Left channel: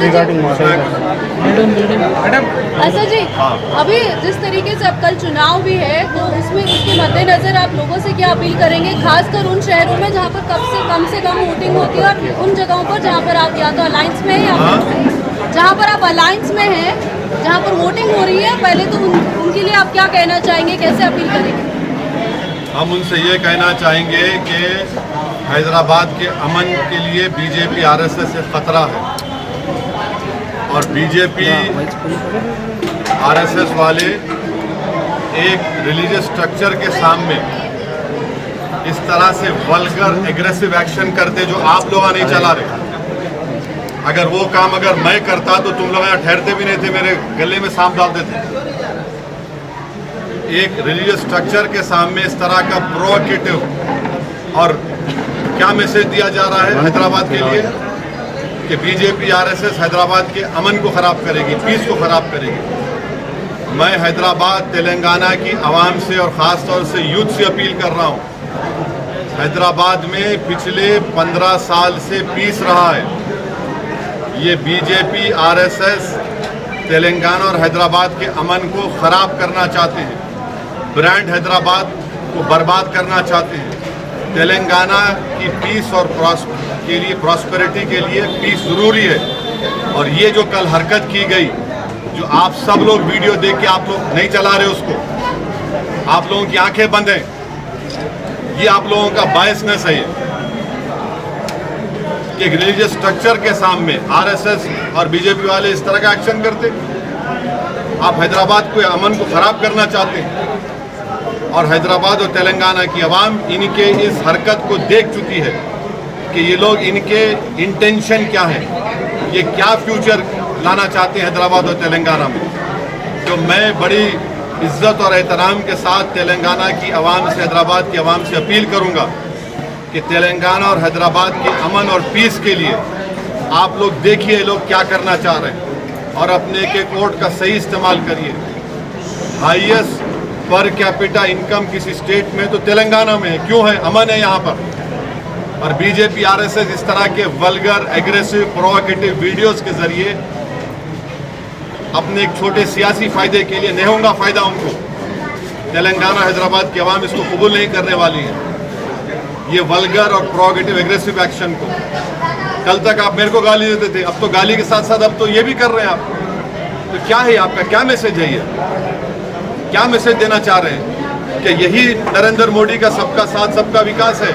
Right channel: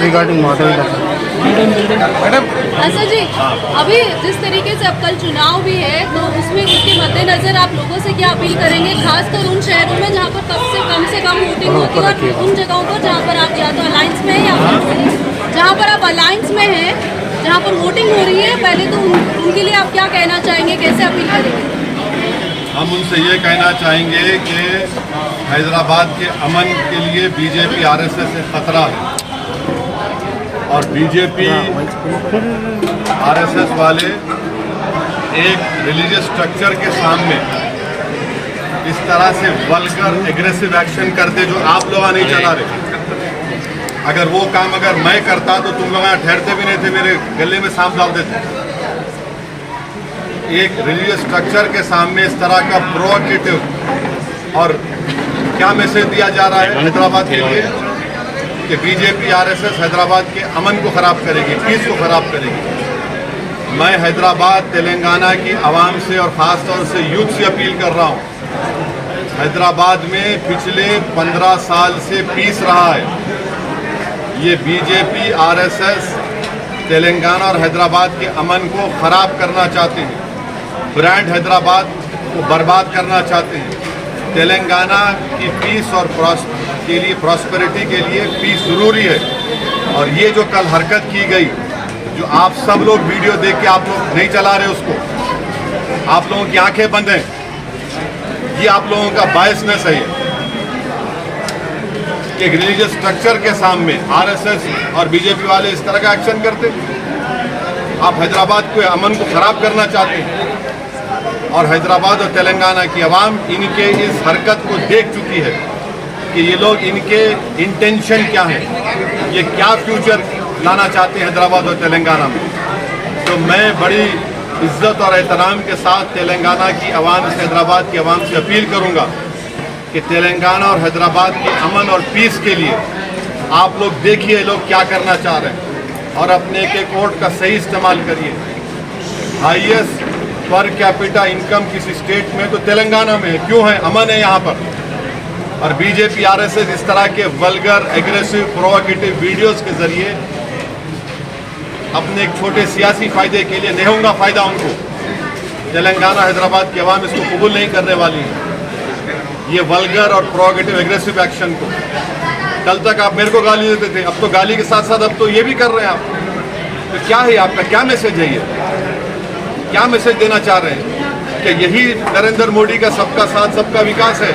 Regarding हम उनसे ये कहना चाहेंगे कि हैदराबाद के अमन के लिए बीजेपी आरएसएस से खतरा है और बीजेपी आरएसएस वाले एक रिलीजियस स्ट्रक्चर के सामने इस तरह से वल्गर एग्रेसिव एक्शन करते जो आप लोग नहीं चला रहे। अगर वो काम अगर मैं करता तो तुम लोग यहाँ ठहरते भी नहीं थे, मेरे गले में सांप डाल देते। एक रिलीजियस स्ट्रक्चर के सामने इस तरह का प्रोवोकेटिव और क्या मैसेज दिया जा रहा है हैदराबाद के लिए कि बीजेपी आरएसएस हैदराबाद के अमन को खराब करेगी, पीस को खराब करेगी। मैं हैदराबाद तेलंगाना की आवाम से और ख़ास तौर से यूथ से अपील कर रहा हूँ। हैदराबाद में पिछले 15 साल से पीस रहा है। ये बीजेपी आरएसएस तेलंगाना और हैदराबाद के अमन को ख़राब करना चाहते हैं, ब्रांड हैदराबाद को बर्बाद करना चाहते हैं। तेलंगाना की पीस और के लिए प्रॉस्पेरिटी के लिए पीस ज़रूरी है। और ये जो कल हरकत की गई, जो आप सब लोग वीडियो देख के आप लोग नहीं चला रहे उसको, आप लोगों की आंखें बंद हैं, ये आप लोगों का बायसनेस है। एक रिलीजियस स्ट्रक्चर के सामने आरएसएस और बीजेपी वाले इस तरह का एक्शन करते, आप हैदराबाद के अमन को ख़राब करना चाहते हैं। और हैदराबाद और तेलंगाना की आवाम इनके इस हरकत को देख चुकी है कि ये लोग इनके इंटेंशन क्या है, ये क्या फ्यूचर लाना चाहते हैं हैदराबाद और तेलंगाना में। तो मैं बड़ी इज्जत और एहतराम के साथ तेलंगाना की आवाम से, हैदराबाद की आवाम से अपील करूंगा कि तेलंगाना और हैदराबाद के अमन और पीस के लिए आप लोग देखिए लोग क्या करना चाह रहे हैं और अपने एक वोट का सही इस्तेमाल करिए। हाईएस्ट पर कैपिटा इनकम किसी स्टेट में तो तेलंगाना में है, क्यों है? अमन है यहाँ पर। और बीजेपी आरएसएस इस तरह के वल्गर एग्रेसिव प्रोवोकेटिव वीडियोस के जरिए अपने एक छोटे सियासी फायदे के लिए, नहीं होगा फायदा उनको, तेलंगाना हैदराबाद की आवाम इसको कबूल नहीं करने वाली है, ये वल्गर और प्रोवोकेटिव एग्रेसिव एक्शन को। कल तक आप मेरे को गाली देते थे, अब तो गाली के साथ साथ अब तो ये भी कर रहे हैं आप। तो क्या है आपका, क्या मैसेज है ये, क्या मैसेज देना चाह रहे हैं? कि यही नरेंद्र मोदी का सबका साथ सबका विकास है?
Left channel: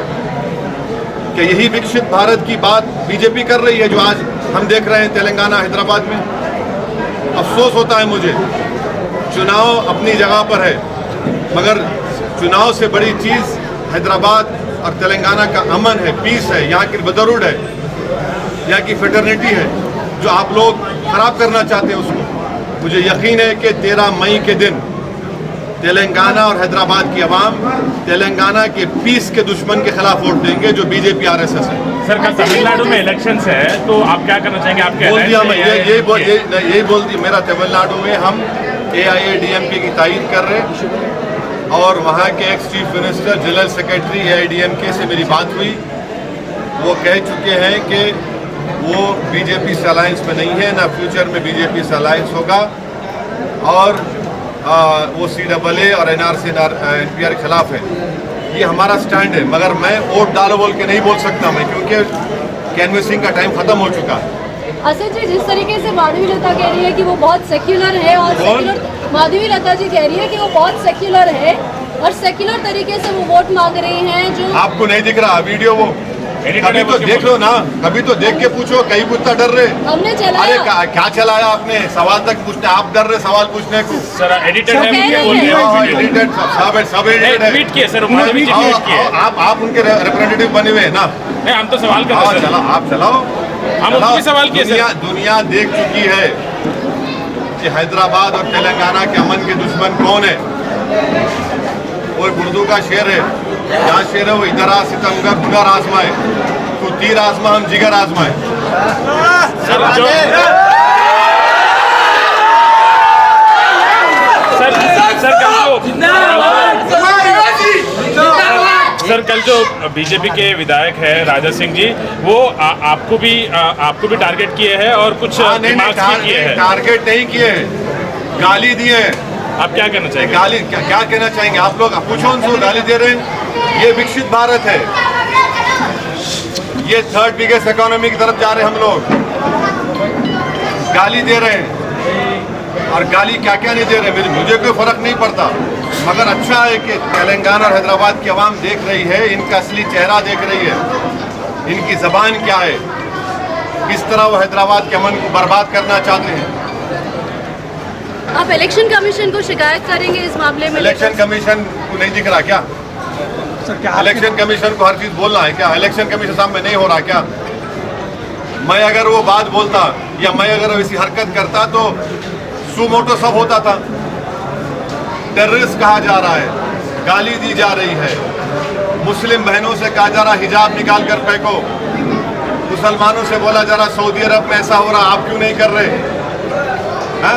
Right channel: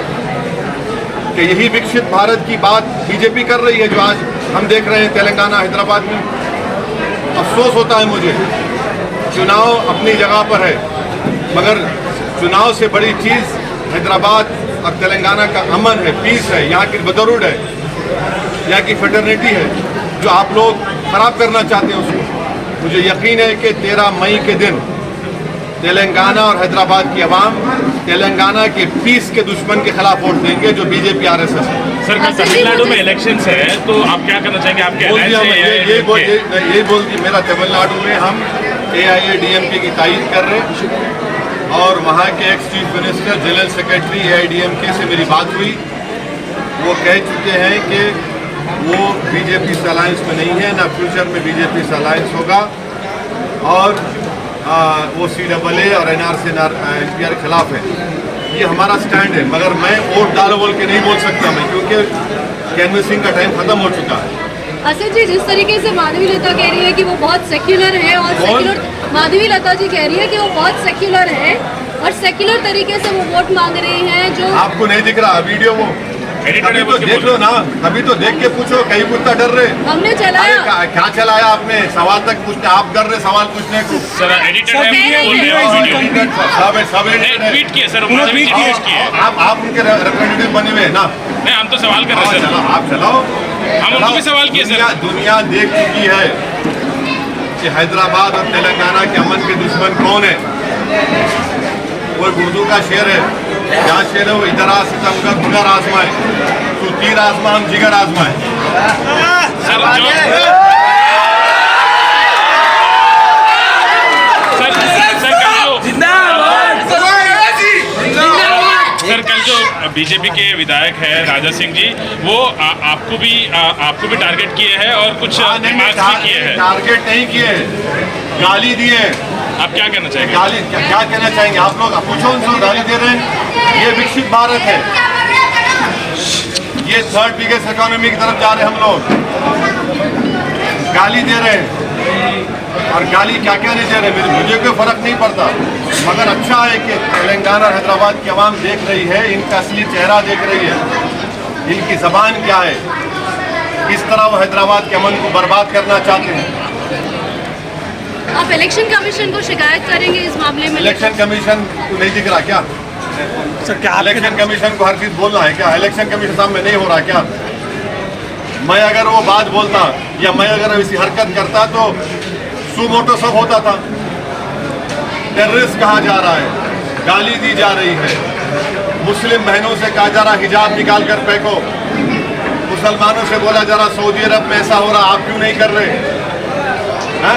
कि यही विकसित भारत की बात बीजेपी कर रही है जो आज हम देख रहे हैं तेलंगाना हैदराबाद में? अफसोस होता है मुझे। चुनाव अपनी जगह पर है, मगर चुनाव से बड़ी चीज़ हैदराबाद और तेलंगाना का अमन है, पीस है, यहाँ की ब्रदरहुड है, यहाँ की फ्रेटर्निटी है, जो आप लोग खराब करना चाहते हैं उसको। मुझे यकीन है कि 13 मई के दिन तेलंगाना और हैदराबाद की आवाम तेलंगाना के पीस के दुश्मन के खिलाफ वोट देंगे जो बीजेपी आरएसएस है। सर, तमिलनाडु में इलेक्शंस है तो आप क्या करना चाहेंगे? आप बोल दिया मैं, यही बोल दिया मेरा। तमिलनाडु में हम AIADMK की तायीद कर रहे हैं और वहाँ के ex chief minister general secretary AIADMK से मेरी बात हुई। वो कह चुके हैं कि वो बीजेपी से अलायंस में नहीं है, ना फ्यूचर में बीजेपी से अलायंस होगा और वो CAA और NRC NPR के खिलाफ है। ये हमारा स्टैंड है, मगर मैं वोट डालो बोल के नहीं बोल सकता मैं, क्योंकि कैनवसिंग का टाइम खत्म हो चुका है। असद जी, जिस तरीके से माधवी लता कह रही है कि वो बहुत सेक्युलर है और माधवी लता जी कह रही है कि वो बहुत सेक्युलर है और सेक्युलर तरीके से वो वोट मांग रही हैं, जो आपको नहीं दिख रहा वीडियो? वो अभी तो देख लो ना, अभी तो देख के पूछो, कहीं पूछता डर रहे। हमने चलाया। अरे क्या चलाया आपने? सवाल तक पूछने, आप डर रहे सवाल पूछने को। सर एडिटेड सब एडिटेड है। आप उनके रिप्रेजेंटेटिव बने हुए हैं ना? नहीं, हम तो सवाल कर रहे हैं। चलाओ, आप चलाओ। हम उनसे सवाल किए। दुनिया देख चुकी है कि हैदराबाद और तेलंगाना के अमन के दुश्मन कौन है। वो उर्दू का शेर है, जहाँ शेर है वो इधर आ सितमगर हुनर आजमाए, तू तीर आजमा हम जिगर आजमाए। सर सर कल फिलहाल जो बीजेपी के विधायक है राजा सिंह जी, वो आपको भी टारगेट किए हैं और कुछ नहीं, रिमार्क्स भी किए हैं। टारगेट नहीं किए, गाली दिए हैं। आप क्या कहना चाहेंगे? गाली क्या कहना चाहेंगे आप लोग? पूछो उनसे, गाली दे रहे हैं। ये विकसित भारत है, ये थर्ड बिगेस्ट इकोनॉमी की तरफ जा रहे हैं हम लोग। गाली दे रहे हैं, और गाली क्या क्या नहीं दे रहे, मुझे कोई फर्क नहीं पड़ता, मगर अच्छा है कि तेलंगाना और हैदराबाद की आवाम देख रही है, इनका असली चेहरा देख रही है, इनकी जबान क्या है, किस तरह वो हैदराबाद के अमन को बर्बाद करना चाहते हैं। आप इलेक्शन कमीशन को शिकायत करेंगे इस मामले में? इलेक्शन कमीशन को नहीं दिख रहा क्या? सर क्या इलेक्शन कमीशन को हर चीज बोलना है क्या? इलेक्शन कमीशन सामने नहीं हो रहा क्या? मैं अगर वो बात बोलता या मैं अगर ऐसी हरकत करता तो सुमोटो सब होता था। टेररिस्ट कहा जा रहा है, गाली दी जा रही है, मुस्लिम बहनों से कहा जा रहा हिजाब निकाल कर फेंको, मुसलमानों से बोला जा रहा सऊदी अरब में ऐसा हो रहा, आप क्यों नहीं कर रहे? हा?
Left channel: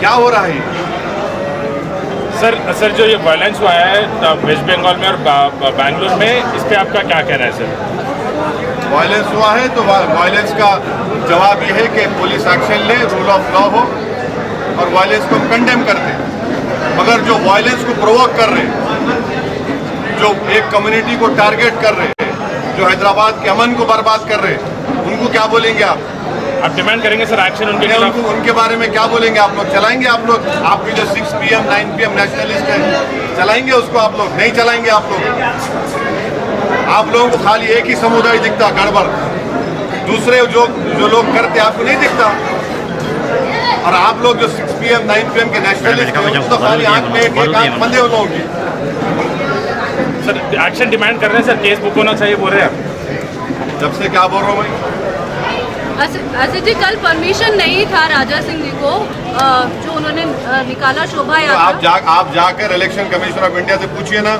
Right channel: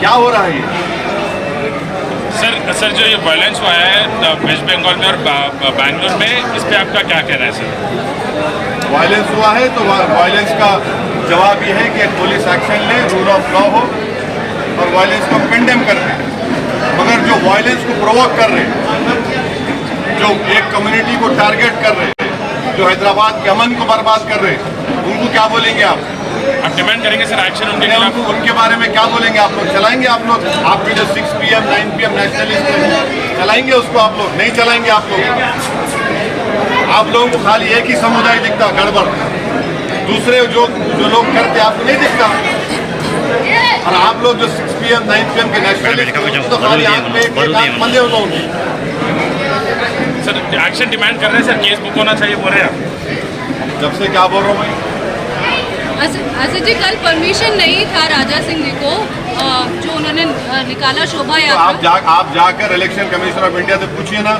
क्या हो रहा है ये? सर जो ये वायलेंस हुआ है वेस्ट बंगाल में और बैंगलोर में, इस पे आपका क्या कहना है सर? वायलेंस हुआ है तो वायलेंस का जवाब ये है कि पुलिस एक्शन ले, रूल ऑफ लॉ हो और वायलेंस को कंडेम कर दे। मगर जो वायलेंस को प्रोवोक कर रहे, जो एक कम्युनिटी को टारगेट कर रहे, जो हैदराबाद के अमन को बर्बाद कर रहे, उनको क्या बोलेंगे आप? आप डिमांड करेंगे सर एक्शन उनके नहीं, खिलाफ? उनके बारे में क्या बोलेंगे आप लोग? चलाएंगे आप लोग? आपकी जो 6 PM 9 PM नेशनलिस्ट है, चलाएंगे उसको आप लोग? नहीं चलाएंगे आप लोग। आप लोगों को खाली एक ही समुदाय दिखता गड़बड़, दूसरे जो लोग करते आपको नहीं दिखता। और आप लोग जो 6 PM 9 PM के नेशनलिस्ट तो खाली आंख में एक आंख बंदे लोगों की। सर एक्शन डिमांड कर रहे हैं सर, केस बुक होना चाहिए बोल रहे हैं आप? जब से क्या बोल रहा हूँ भाई? असद जी, कल परमिशन नहीं था राजा सिंह जी को, जो उन्होंने निकाला शोभा तो यात्रा। आप जाकर इलेक्शन कमीशन ऑफ इंडिया से पूछिए ना।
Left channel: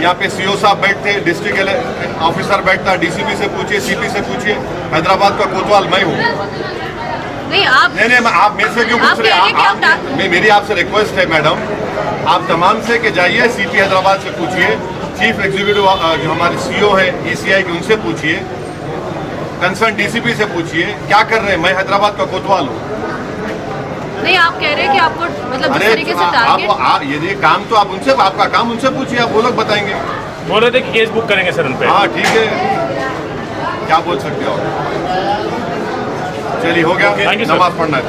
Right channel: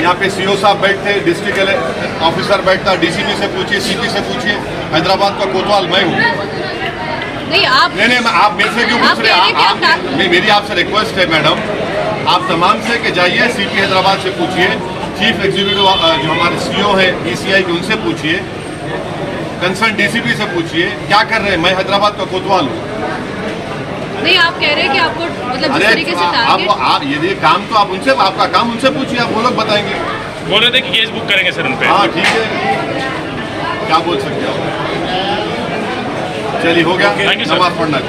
यहाँ पे CO साहब बैठते, डिस्ट्रिक्ट ऑफिसर बैठता, DCP से पूछिए, CP से पूछिए। हैदराबाद का कोतवाल मैं हूँ। नहीं, आप आप मेरे से क्यों पूछ रहे हैं? मेरी आपसे रिक्वेस्ट है मैडम, आप तमाम से कि जाइए CP हैदराबाद से पूछिए, चीफ एग्जीक्यूटिव जो हमारे CO हैं ECI के, उनसे पूछिए, कंसर्न DCP से पूछिए क्या कर रहे हैं। मैं हैदराबाद का कोतवाल हूँ। नहीं, आप कह रहे हैं कि आपको मतलब अरे जिस तरीके से आप ये काम तो आप उनसे, आपका काम उनसे पूछिए, आप वो लोग बताएंगे। बोल रहे थे कि केस बुक करेंगे सर उन पे। हाँ ठीक है, क्या बोल सकते हो? चलिए हो गया, Thank you, sir. नमाज पढ़ना है।